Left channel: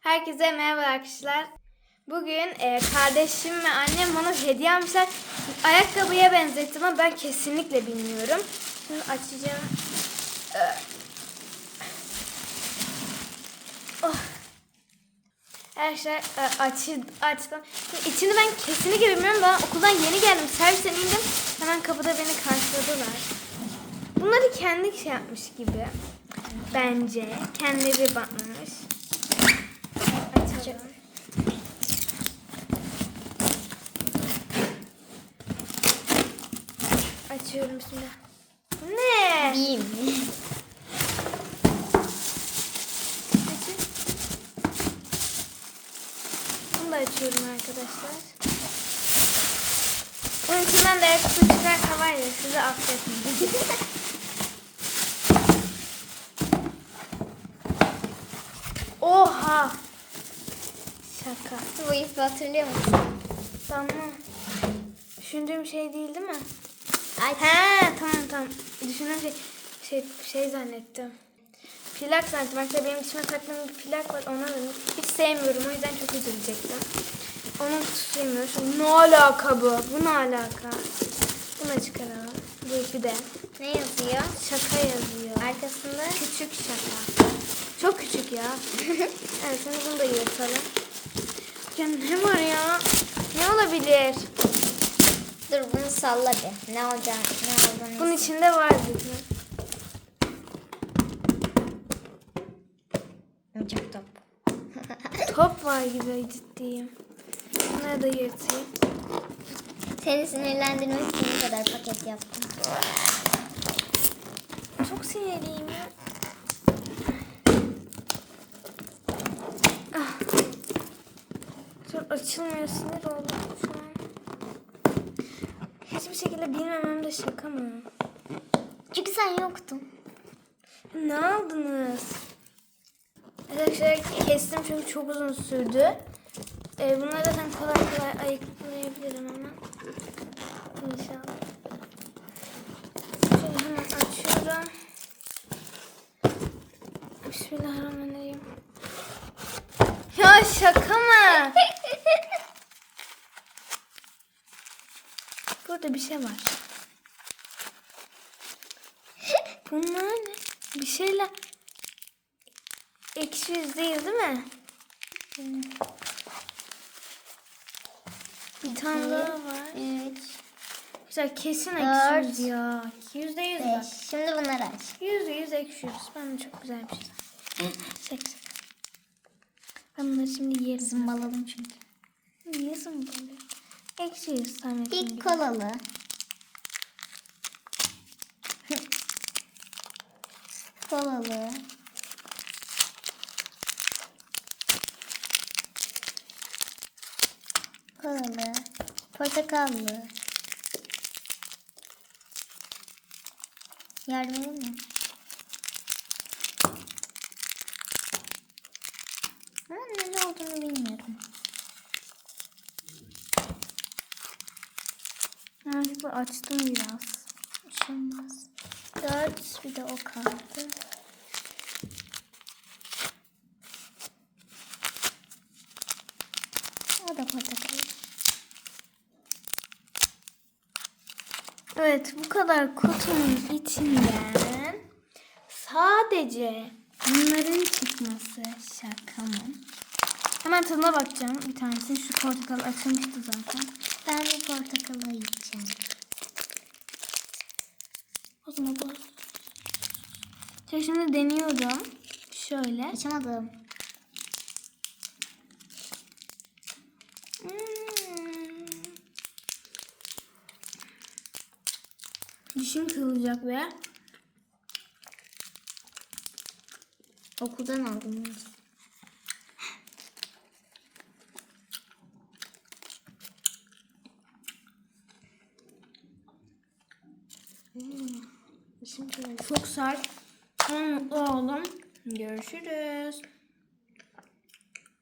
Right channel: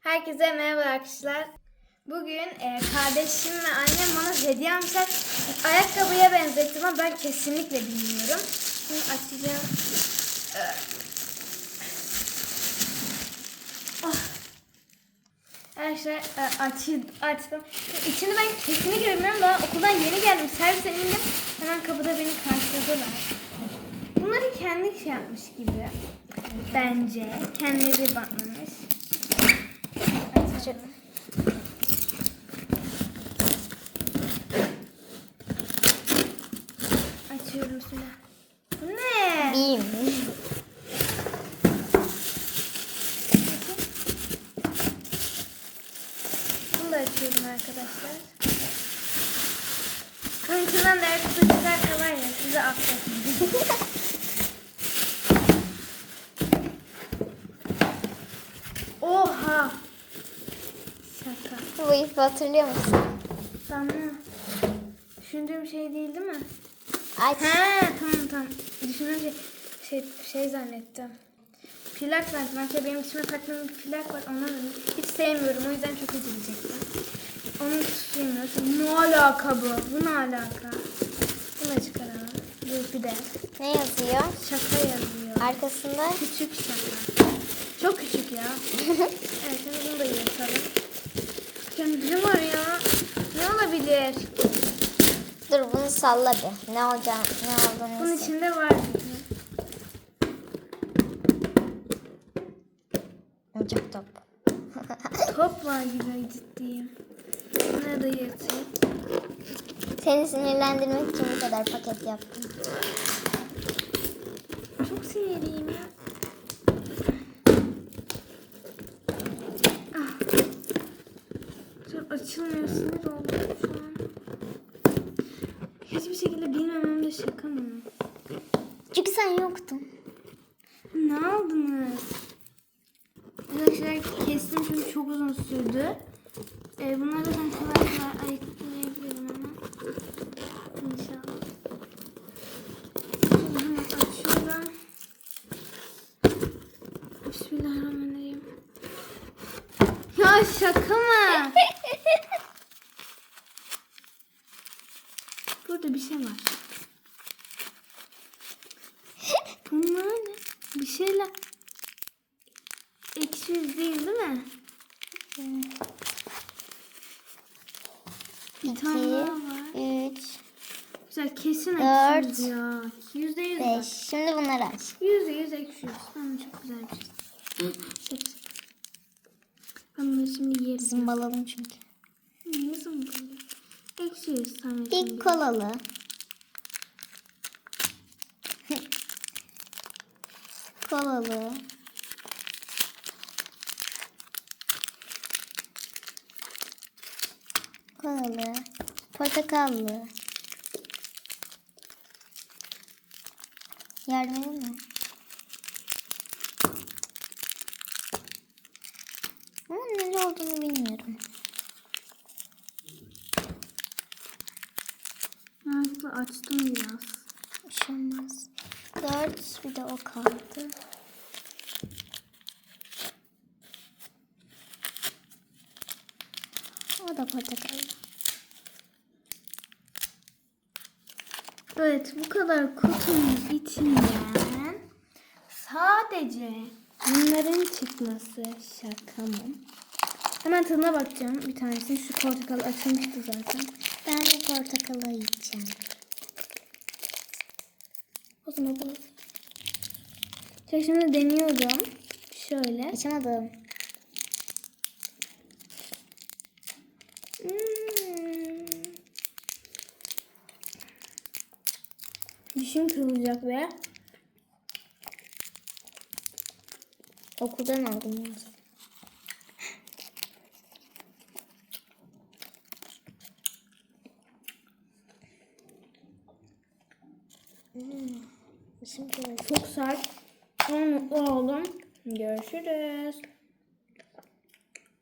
Herkese merhaba arkadaşlar. Bugün e, kardeşim ve annem bana hediye almışlar. Ayakkabıya benzettim ama ben kesinlikle bilmiyorum. Şimdi açacağım. Oh. Arkadaşlar e, açı, açtım. Şimdi İçini ben kesinlikle bilmiyorum. Ben okuldan yeni geldim. Servisten indim. Hemen kapıda beni karşıladılar. Bunları kendi şey yapmış gibi. Bence. Kendileri bakmış. Açıyorum şimdi. Ne? Mi? Bunu da açıyorum arkadaşlar. Bunun içinden de kutucular var ya size affetsin. Oha! Şaka. Bu ipi hatırlıyor musun? Tamam. Düşündüğüm şey değil değil mi? Aç. He tamam tamam. Düşündüğüm şey, şey, zannettim. Plak zannettim. Arkadaşlar benim dişime taktığım bir plak var. Onu hiç sevmiyorum. O yüzden çok üzülecektim. Onu. Şu- Ne alaka bu? Bu ne alaka? Bunu çıkaralım. Dur bir de. Ne yazıyor? Şaka yazıyor. Arkasında Küçük şaka. Çok küçük ya. evet sen bunu da yırtalım. Ya ne var ya? Ne olabilir? Dur bunu salla bir. Ne olacak? Ne olduğunu. Bunun içinde var dedi. Oyuncak top. Top var gibi ciddiyim. Bunları da yırtayım. Seni sinirlendirmek için bu kadar paket yaptım. Çok sinirliyim ya. Ah. Çok açılmıyor sinir oldum. Hiçbir şekilde bilmemem de şaka mı? Çünkü sen yoktun. Ne aldınız? Arkadaşlar kestim çünkü çok uzun sürdü. Ee, bunları da ben kolay kolay ayıklayabilirim ama. İnşallah. Şöyle hemen açıyorum. Bismillahirrahmanirrahim. Ya şaka mı? Burada bir şey var. Bunlar ne? Bir şeyler... Ekşi yüz değil mi? Bir tane daha var. Üç, Güzel kesin Dört, ekşi yüz ya. Yüzde yüz bak. Şimdi bunları aç. Yüzde yüz ekşi yüz. Ben de çok güzel bir şey. Şaka. Ben bunları şimdi yerim. Zımbalalım çünkü. Ekşi yüz Samet'in İlk gibi. kolalı. kolalı. Kolalı. Portakallı. Yardım edin mi? Ama ne olduğunu bilmiyorum. Bu açtım biraz. Bir olmaz. Dört bir de o kaldı. O da portakal. Evet bu kadar kutunun içinden sadece bunların çıkması şaka mı? Hemen tadına bakacağım bir tanesini. Şu portakal açılmıştı zaten. Ben bir portakalı yiyeceğim. Bu. Ya Şimdi deniyorum. Şöyle. Açamadım. Hmm. Dişim kırılacak be. Okuldan aldım. Hmm. Kırıldı. Çok sert. Mutlu oldum. Görüşürüz.